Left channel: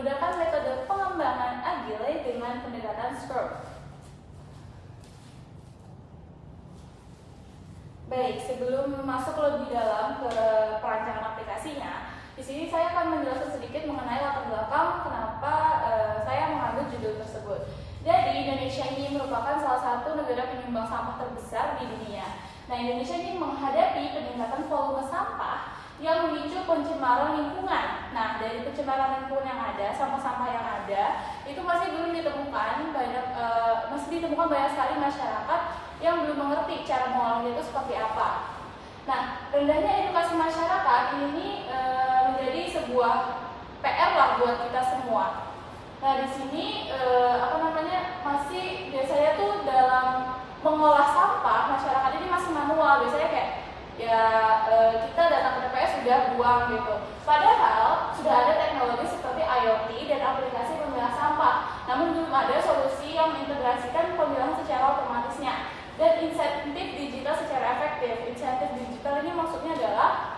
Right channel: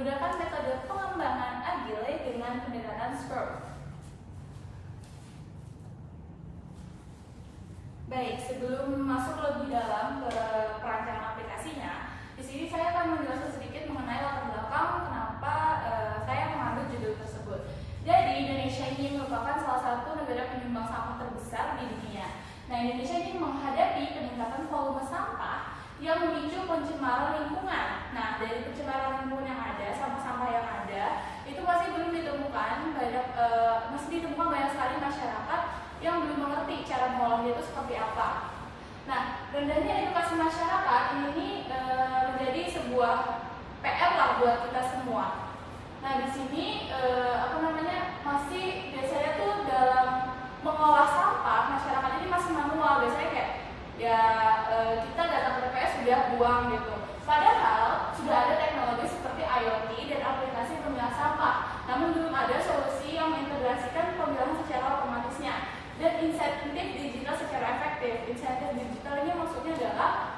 menggunakan metode pengembangan agile dengan pendekatan Scrum. Baik, sebelum masuk lebih dalam ke perancangan aplikasinya, di sini saya akan menjelaskan sedikit mengenai latar belakang kenapa saya mengambil judul tersebut. Jadi, Indonesia ini merupakan salah satu negara penyumbang sampah terbesar di dunia. Nah, Indonesia ini menghadapi peningkatan volume sampah yang memicu pencemaran lingkungan. Nah, dari pencemaran lingkungan yang ada, sampah-sampah yang ada, itu masih belum ditemukan banyak sekali masyarakat yang belum mengerti cara mengolahnya itu seperti apa. Nah, rendahnya edukasi masyarakat ini menjadi sebuah PR lah buat kita semua. Nah, di sini masih biasanya tuh dalam mengolah sampah masyarakat ini masih manual. Biasanya kayak kita datang ke TPS sudah buang gitu. Padahal sudah ada teknologi seperti IoT dan aplikasi pemilah sampah. Namun belum ada solusi yang mengintegrasikan pemilahan secara otomatisnya dan insentif digital secara efektif. Insentif digital ini maksudnya adalah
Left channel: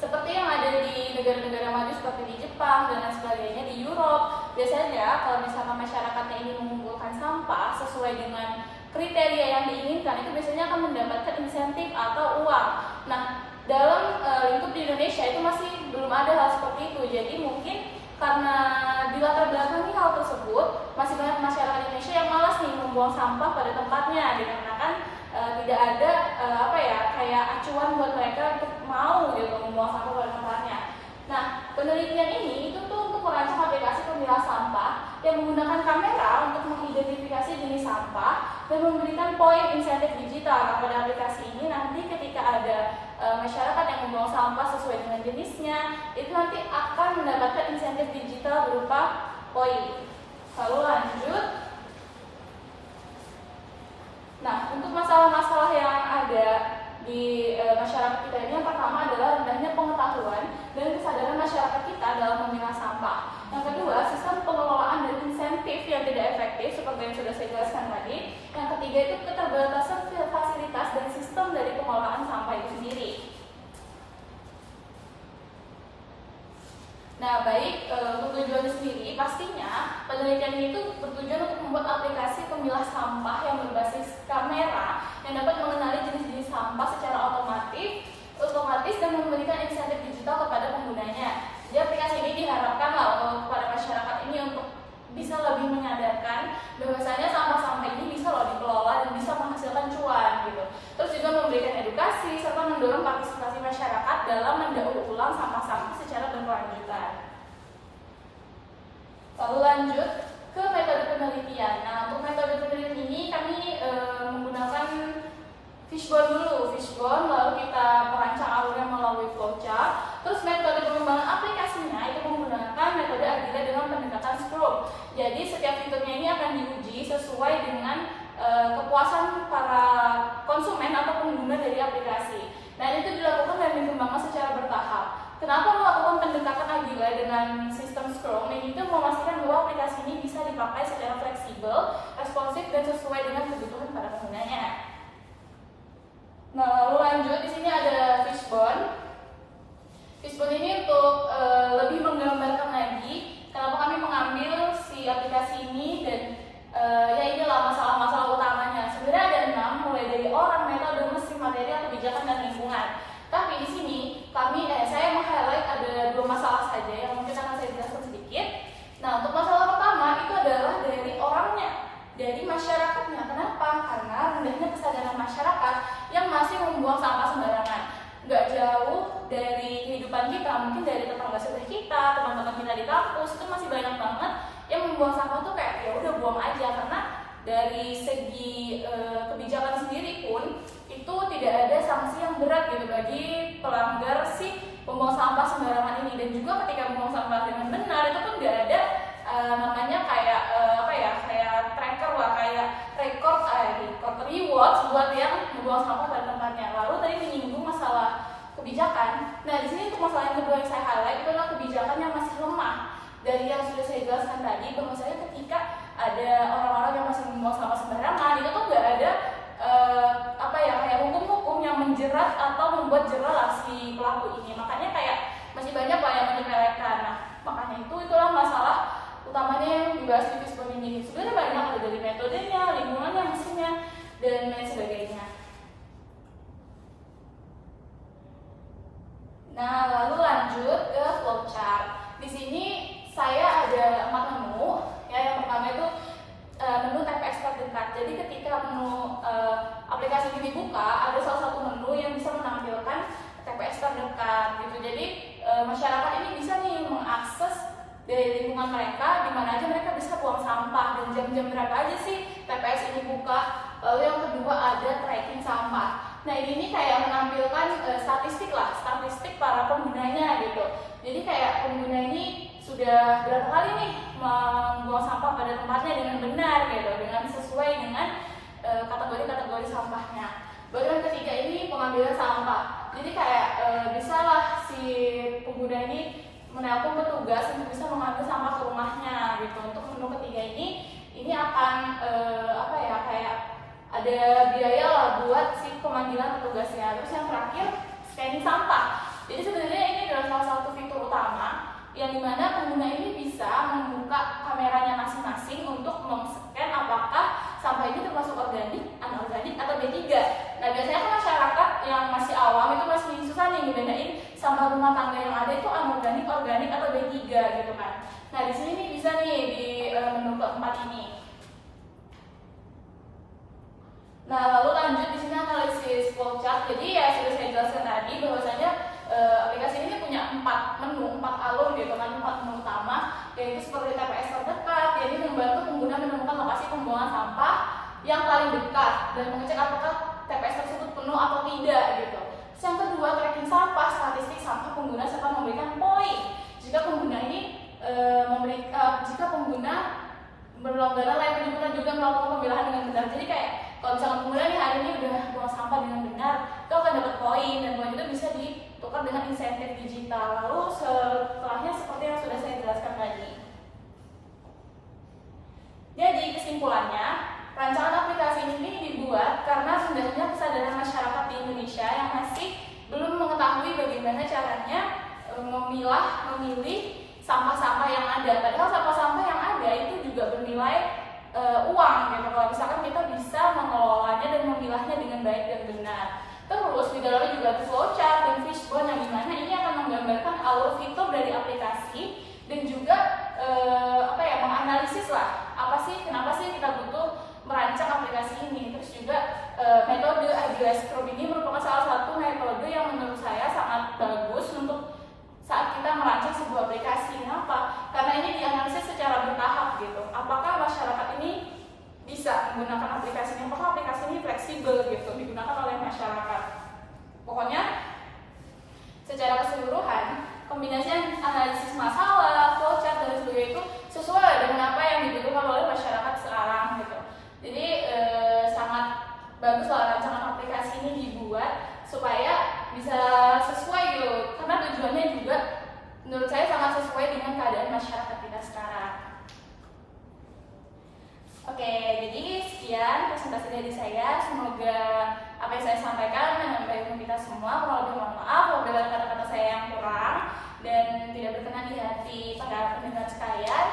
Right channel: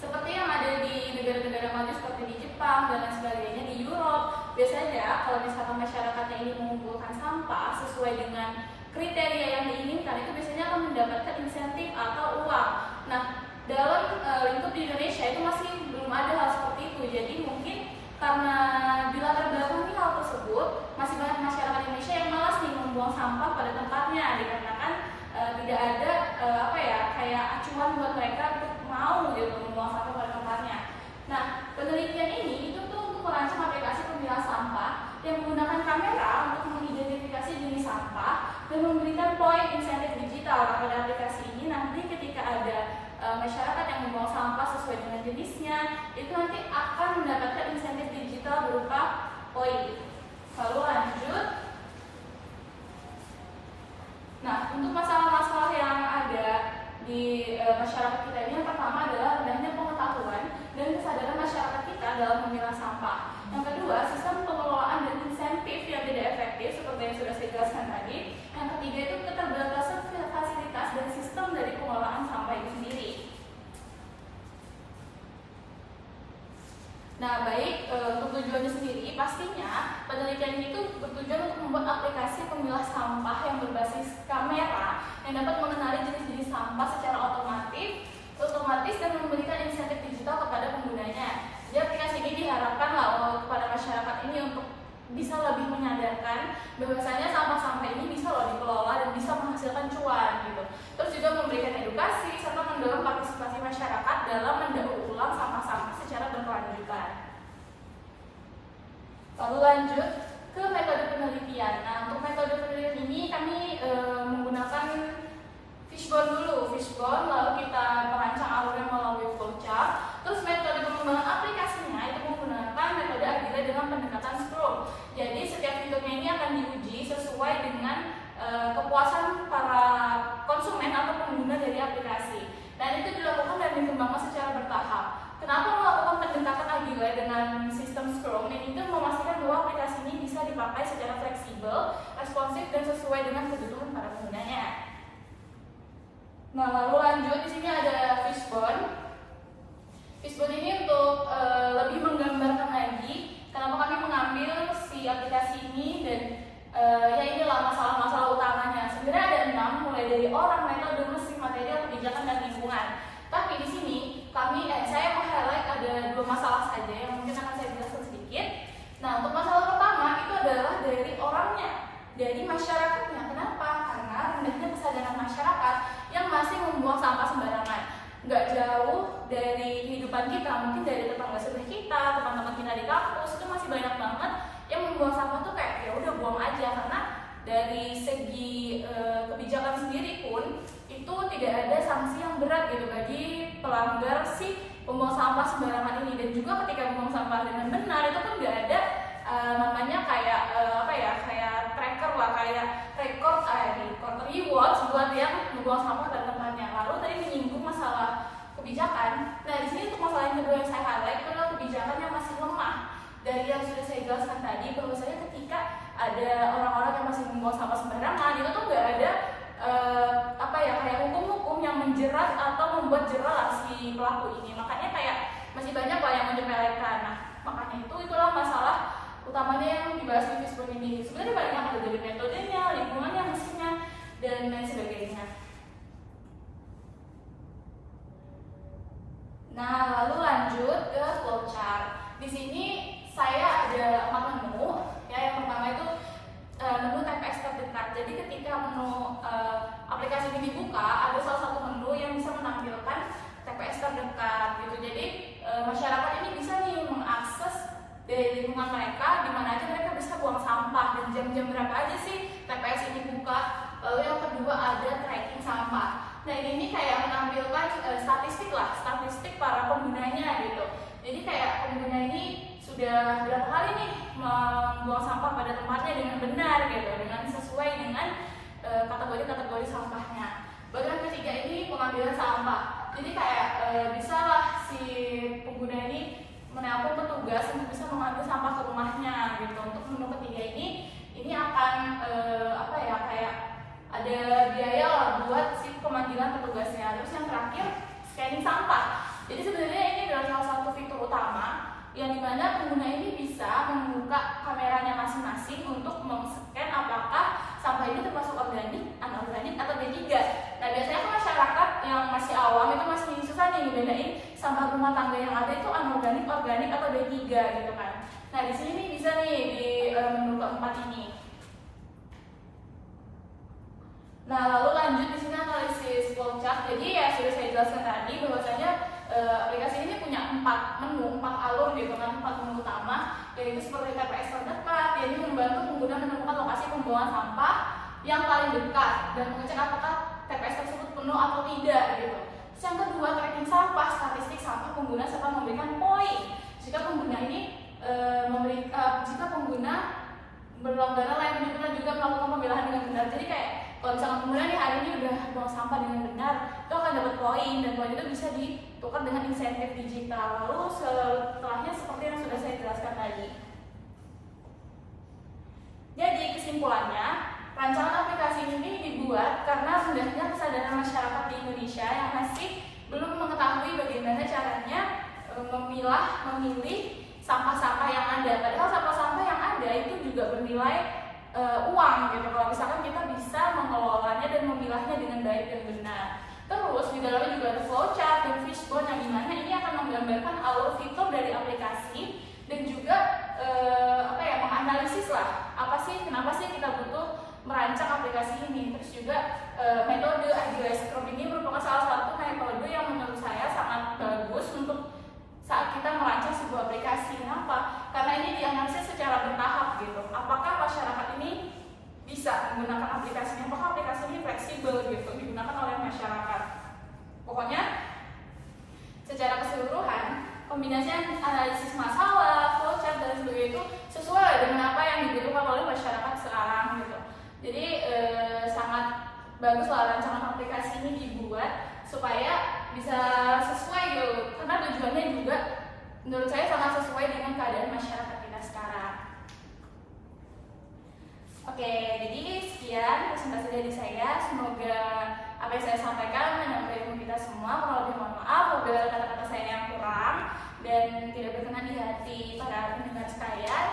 seperti yang ada di negara-negara maju seperti di Jepang dan lain sebagainya, di Europe. Biasanya kalau misalkan masyarakatnya ini mengumpulkan sampah sesuai dengan kriteria yang diinginkan, itu biasanya akan mendapatkan insentif atau uang. Nah, dalam lingkup di Indonesia itu masih belum ada hal seperti itu. Jadi mungkin karena di latar belakangi hal tersebut, masih banyak masyarakat Indonesia yang malas nih membuang sampah pada tempatnya, dikarenakan tidak ada kayak acuan buat mereka untuk mau gitu membuang sampah pada tempatnya. Nah, penelitian ini itu tuh untuk merancang aplikasi pemilah sampah yang menggunakan kamera untuk mengidentifikasi jenis sampah dan memberikan poin insentif digital. Nah, pada aplikasi ini nanti ketika ada masyarakat yang membuang sampah sesuai dengan jenisnya, itu nanti akan mendapatkan insentif digital berupa poin. Lalu lanjut. Nah, untuk masalah-masalah yang ada di masyarakat kita ini, yang pertama adalah rendahnya pengetahuan dan kesadaran masyarakat kita dalam memilah sampah. Yang kedua, sistem pengelolaan dan insentif yang tidak efektif seperti yang sudah saya jelaskan tadi. Yang ketiga itu keterbatasan fasilitas dan sistem dari pengelolaan sampah itu sendiri. Nah, baik, untuk tujuannya sendiri, pastinya penelitian ini itu bertujuan untuk membuat aplikasi pemilah sampah yang berbasis kamera yang dapat mengenali jenis-jenis sampah secara otomatis dan memberikan insentif digital kepada penggunanya. Jadi aplikasi ini diharapkan kepada masyarakat ini untuk bisa lebih menyadarkan bahwasanya sampah-sampah ini bisa dikelola dan bisa menghasilkan cuan gitu. Terus juga memberikan edukasi serta mendorong partisipasi masyarakat dalam mendaur ulang sampah-sampah secara berkelanjutan. Lalu lanjut ke metode penelitian. Nah, untuk metode penelitian ini kami menggunakan fishbone dulu, lalu kita merancang alurnya melalui flowchart. Terus metode pengembangan aplikasinya itu menggunakan metode agile dengan pendekatan Scrum. Jadi setiap fiturnya ini akan diuji sesuai dengan kepuasan para konsumen atau pengguna dari aplikasi. Nah, itu dilakukan dan dikembangkan secara bertahap. Kenapa melakukan pendekatan agile dengan sistem Scrum? Ini itu memastikan bahwa aplikasi ini bisa dipakai secara fleksibel, responsif, dan sesuai dengan kebutuhan para penggunanya. Nah, lalu lanjut, di sini ada fishbone. Fishbone ini untuk lebih menggambarkan lagi kenapa kami mengambil si aplikasi ini dan inilah masalah-masalah utamanya. Sebenarnya ada 6, mulai dari orang, metode, mesin, material, kebijakan, dan lingkungan. Tapi di sini saya meng-highlight ada 2 masalah saja yang mungkin akan saya jelaskan sedikit. Nah, untuk masalah pertama itu adalah dari orangnya, dari masyarakatnya. Kenapa? Karena rendahnya kesadaran masyarakat yang masih membuang sampah sembarangan. Nggak jauh dari kehidupan kita, mungkin dari tetangga sebelah kita, teman-teman kita di kampus, itu masih banyak banget yang membuang sampah tuh kayak ya udah buang aja. Karena dari segi kebijakan sendiri pun itu tidak ada sanksi yang berat gitu bagi pelanggar si pembuang sampah sembarangan ini. Dan juga ketika membuang sampah dengan benar itu pun nggak ada namanya kayak tracker lah, kayak record reward buat yang membuang sampah pada tempatnya. Lalu tadi menyinggung masalah kebijakan. Nah, di sini untuk masalah yang kedua yang saya highlight itu adalah kebijakan yang masih lemah. Dari yang sudah saya jelaskan tadi, bahwasanya ketika ada orang-orang yang masih membuang sampah sembarangan, itu tuh nggak ada kayak hukum-hukum yang menjerat atau membuat jerah si pelaku ini. Makanya kayak masih banyak yang menyepelekan. Nah, Makanya itulah masalah utamanya yang dibahas di Fishbone ini. Sebenarnya banyak, ada dari metodenya, lingkungannya, mesinnya, dan lain sebagainya. Nah, lalu lanjut ke flowchart. Di sini saya ada 4 menu. Ya, yang pertama itu menu TPS terdekat. Jadi ketika menu aplikasi ini dibuka, ada salah satu menu yang bisa menampilkan TPS terdekat gitu. Jadi masyarakat ini bisa nih mengakses dari lingkungan mereka, di mana aja mereka bisa buang sampah dan jam-jam berapa aja sih TPS ini buka. Lalu yang kedua ada tracking sampah. Nah, ini kayak menampilkan statistik para penggunanya gitu. Jadi kayak pengguna ini sudah berapa kali nih membuang sampah pada tempatnya dengan benar gitu, dengan sesuai dengan kategori-kategori sampahnya. Baru yang ketiga ini pengambilan sampah. Jadi kayak bisalah si pengguna ini menelpon petugas untuk bisa mengambil sampah ke rumahnya gitu. Untuk menu ketiga ini akan kayak ada biaya lah buat si pemanggilan petugasnya. Terus yang terakhir scanning sampah. Jadi sebenarnya ini adalah salah satu fitur utama yang dimana pengguna ini bisa membuka kameranya masing-masing untuk men-scan apakah sampah ini termasuk organik, anorganik, atau B3. Nah, biasanya kan masyarakat yang masih awam itu masih susah nih ngebedain sampah rumah tangga yang ada itu anorganik, organik, atau B3 gitu kan. Nah, di sini nih bisa nih di menu keempat ini. Nah, lalu lanjut di sini analisis flowchart. Jadi ya sudah saya jelaskan tadi bahwasanya aplikasi ini punya 4 menu, 4 alur gitu kan, 4 menu utama, yaitu seperti TPS terdekat, yang ini membantu pengguna menemukan lokasi pembuangan sampah yang paling dekat dan mengecek apakah TPS tersebut penuh atau tidak gitu. Terus yang kedua, tracking sampah, statistik sampah pengguna serta memberikan poin jika pengguna ini jika pengguna berlangganan layak penjemputan juga melakukan pemilahan dengan benar. Jadi kayak kalau misalkan pengguna nih hari ini udah buang sampah dengan benar, itu akan dapat poin, dan poin itu bisa ditukar dengan insentif digital. Lalu setelahnya seperti yang sudah saya jelaskan tadi. Jadi kesimpulannya, rancangan aplikasi ini dibuat karena rendahnya kesadaran masyarakat di Indonesia yang masih belum mengetahui bagaimana caranya memilih sampah-sampah yang ada. Padahal sampah-sampah yang ada itu juga bernilai uang gitu. Kalau misalkan kita bisa mengelolanya dan memilahnya dengan baik dan benar. Terus di dalamnya juga ada flowchart dan Fishbone yang dimana ini akan menggambarkan alur fitur dari aplikasi dan juga menganalisis lah kenapa sih kita butuh merancang aplikasi ini. Terus juga metode Agile Scrum ini merupakan salah satu metode yang menurut saya sangat bagus untuk saat kita merancang sebuah aplikasi. Kenapa? Karena ini dianalisis secara bertahap gitu. Apakah masyarakat ini bisa menggunakan aplikasi ini? Apakah aplikasi ini fleksibel gitu digunakan oleh masyarakat? Pokoknya secara keseluruhan kombinasi analisis masalah, flowchart dan sebagainya itu sesuai dengan apa yang dibutuhkan oleh masyarakat sekarang gitu. Jadi sangat bagus lah rancangan aplikasi ini dibuat supaya bisa sesuai gitu, karena tujuannya juga menurut saya sangat sesuai dengan keadaan masyarakat kita sekarang. Oke, jadi sekian presentasi dari saya. Semoga apa yang saya sampaikan menyampaikan kita semua. Kurang lebih mohon maaf apabila ada kata-kata saya yang kurang dan tidak berkenan di hati para pendengar sekalian.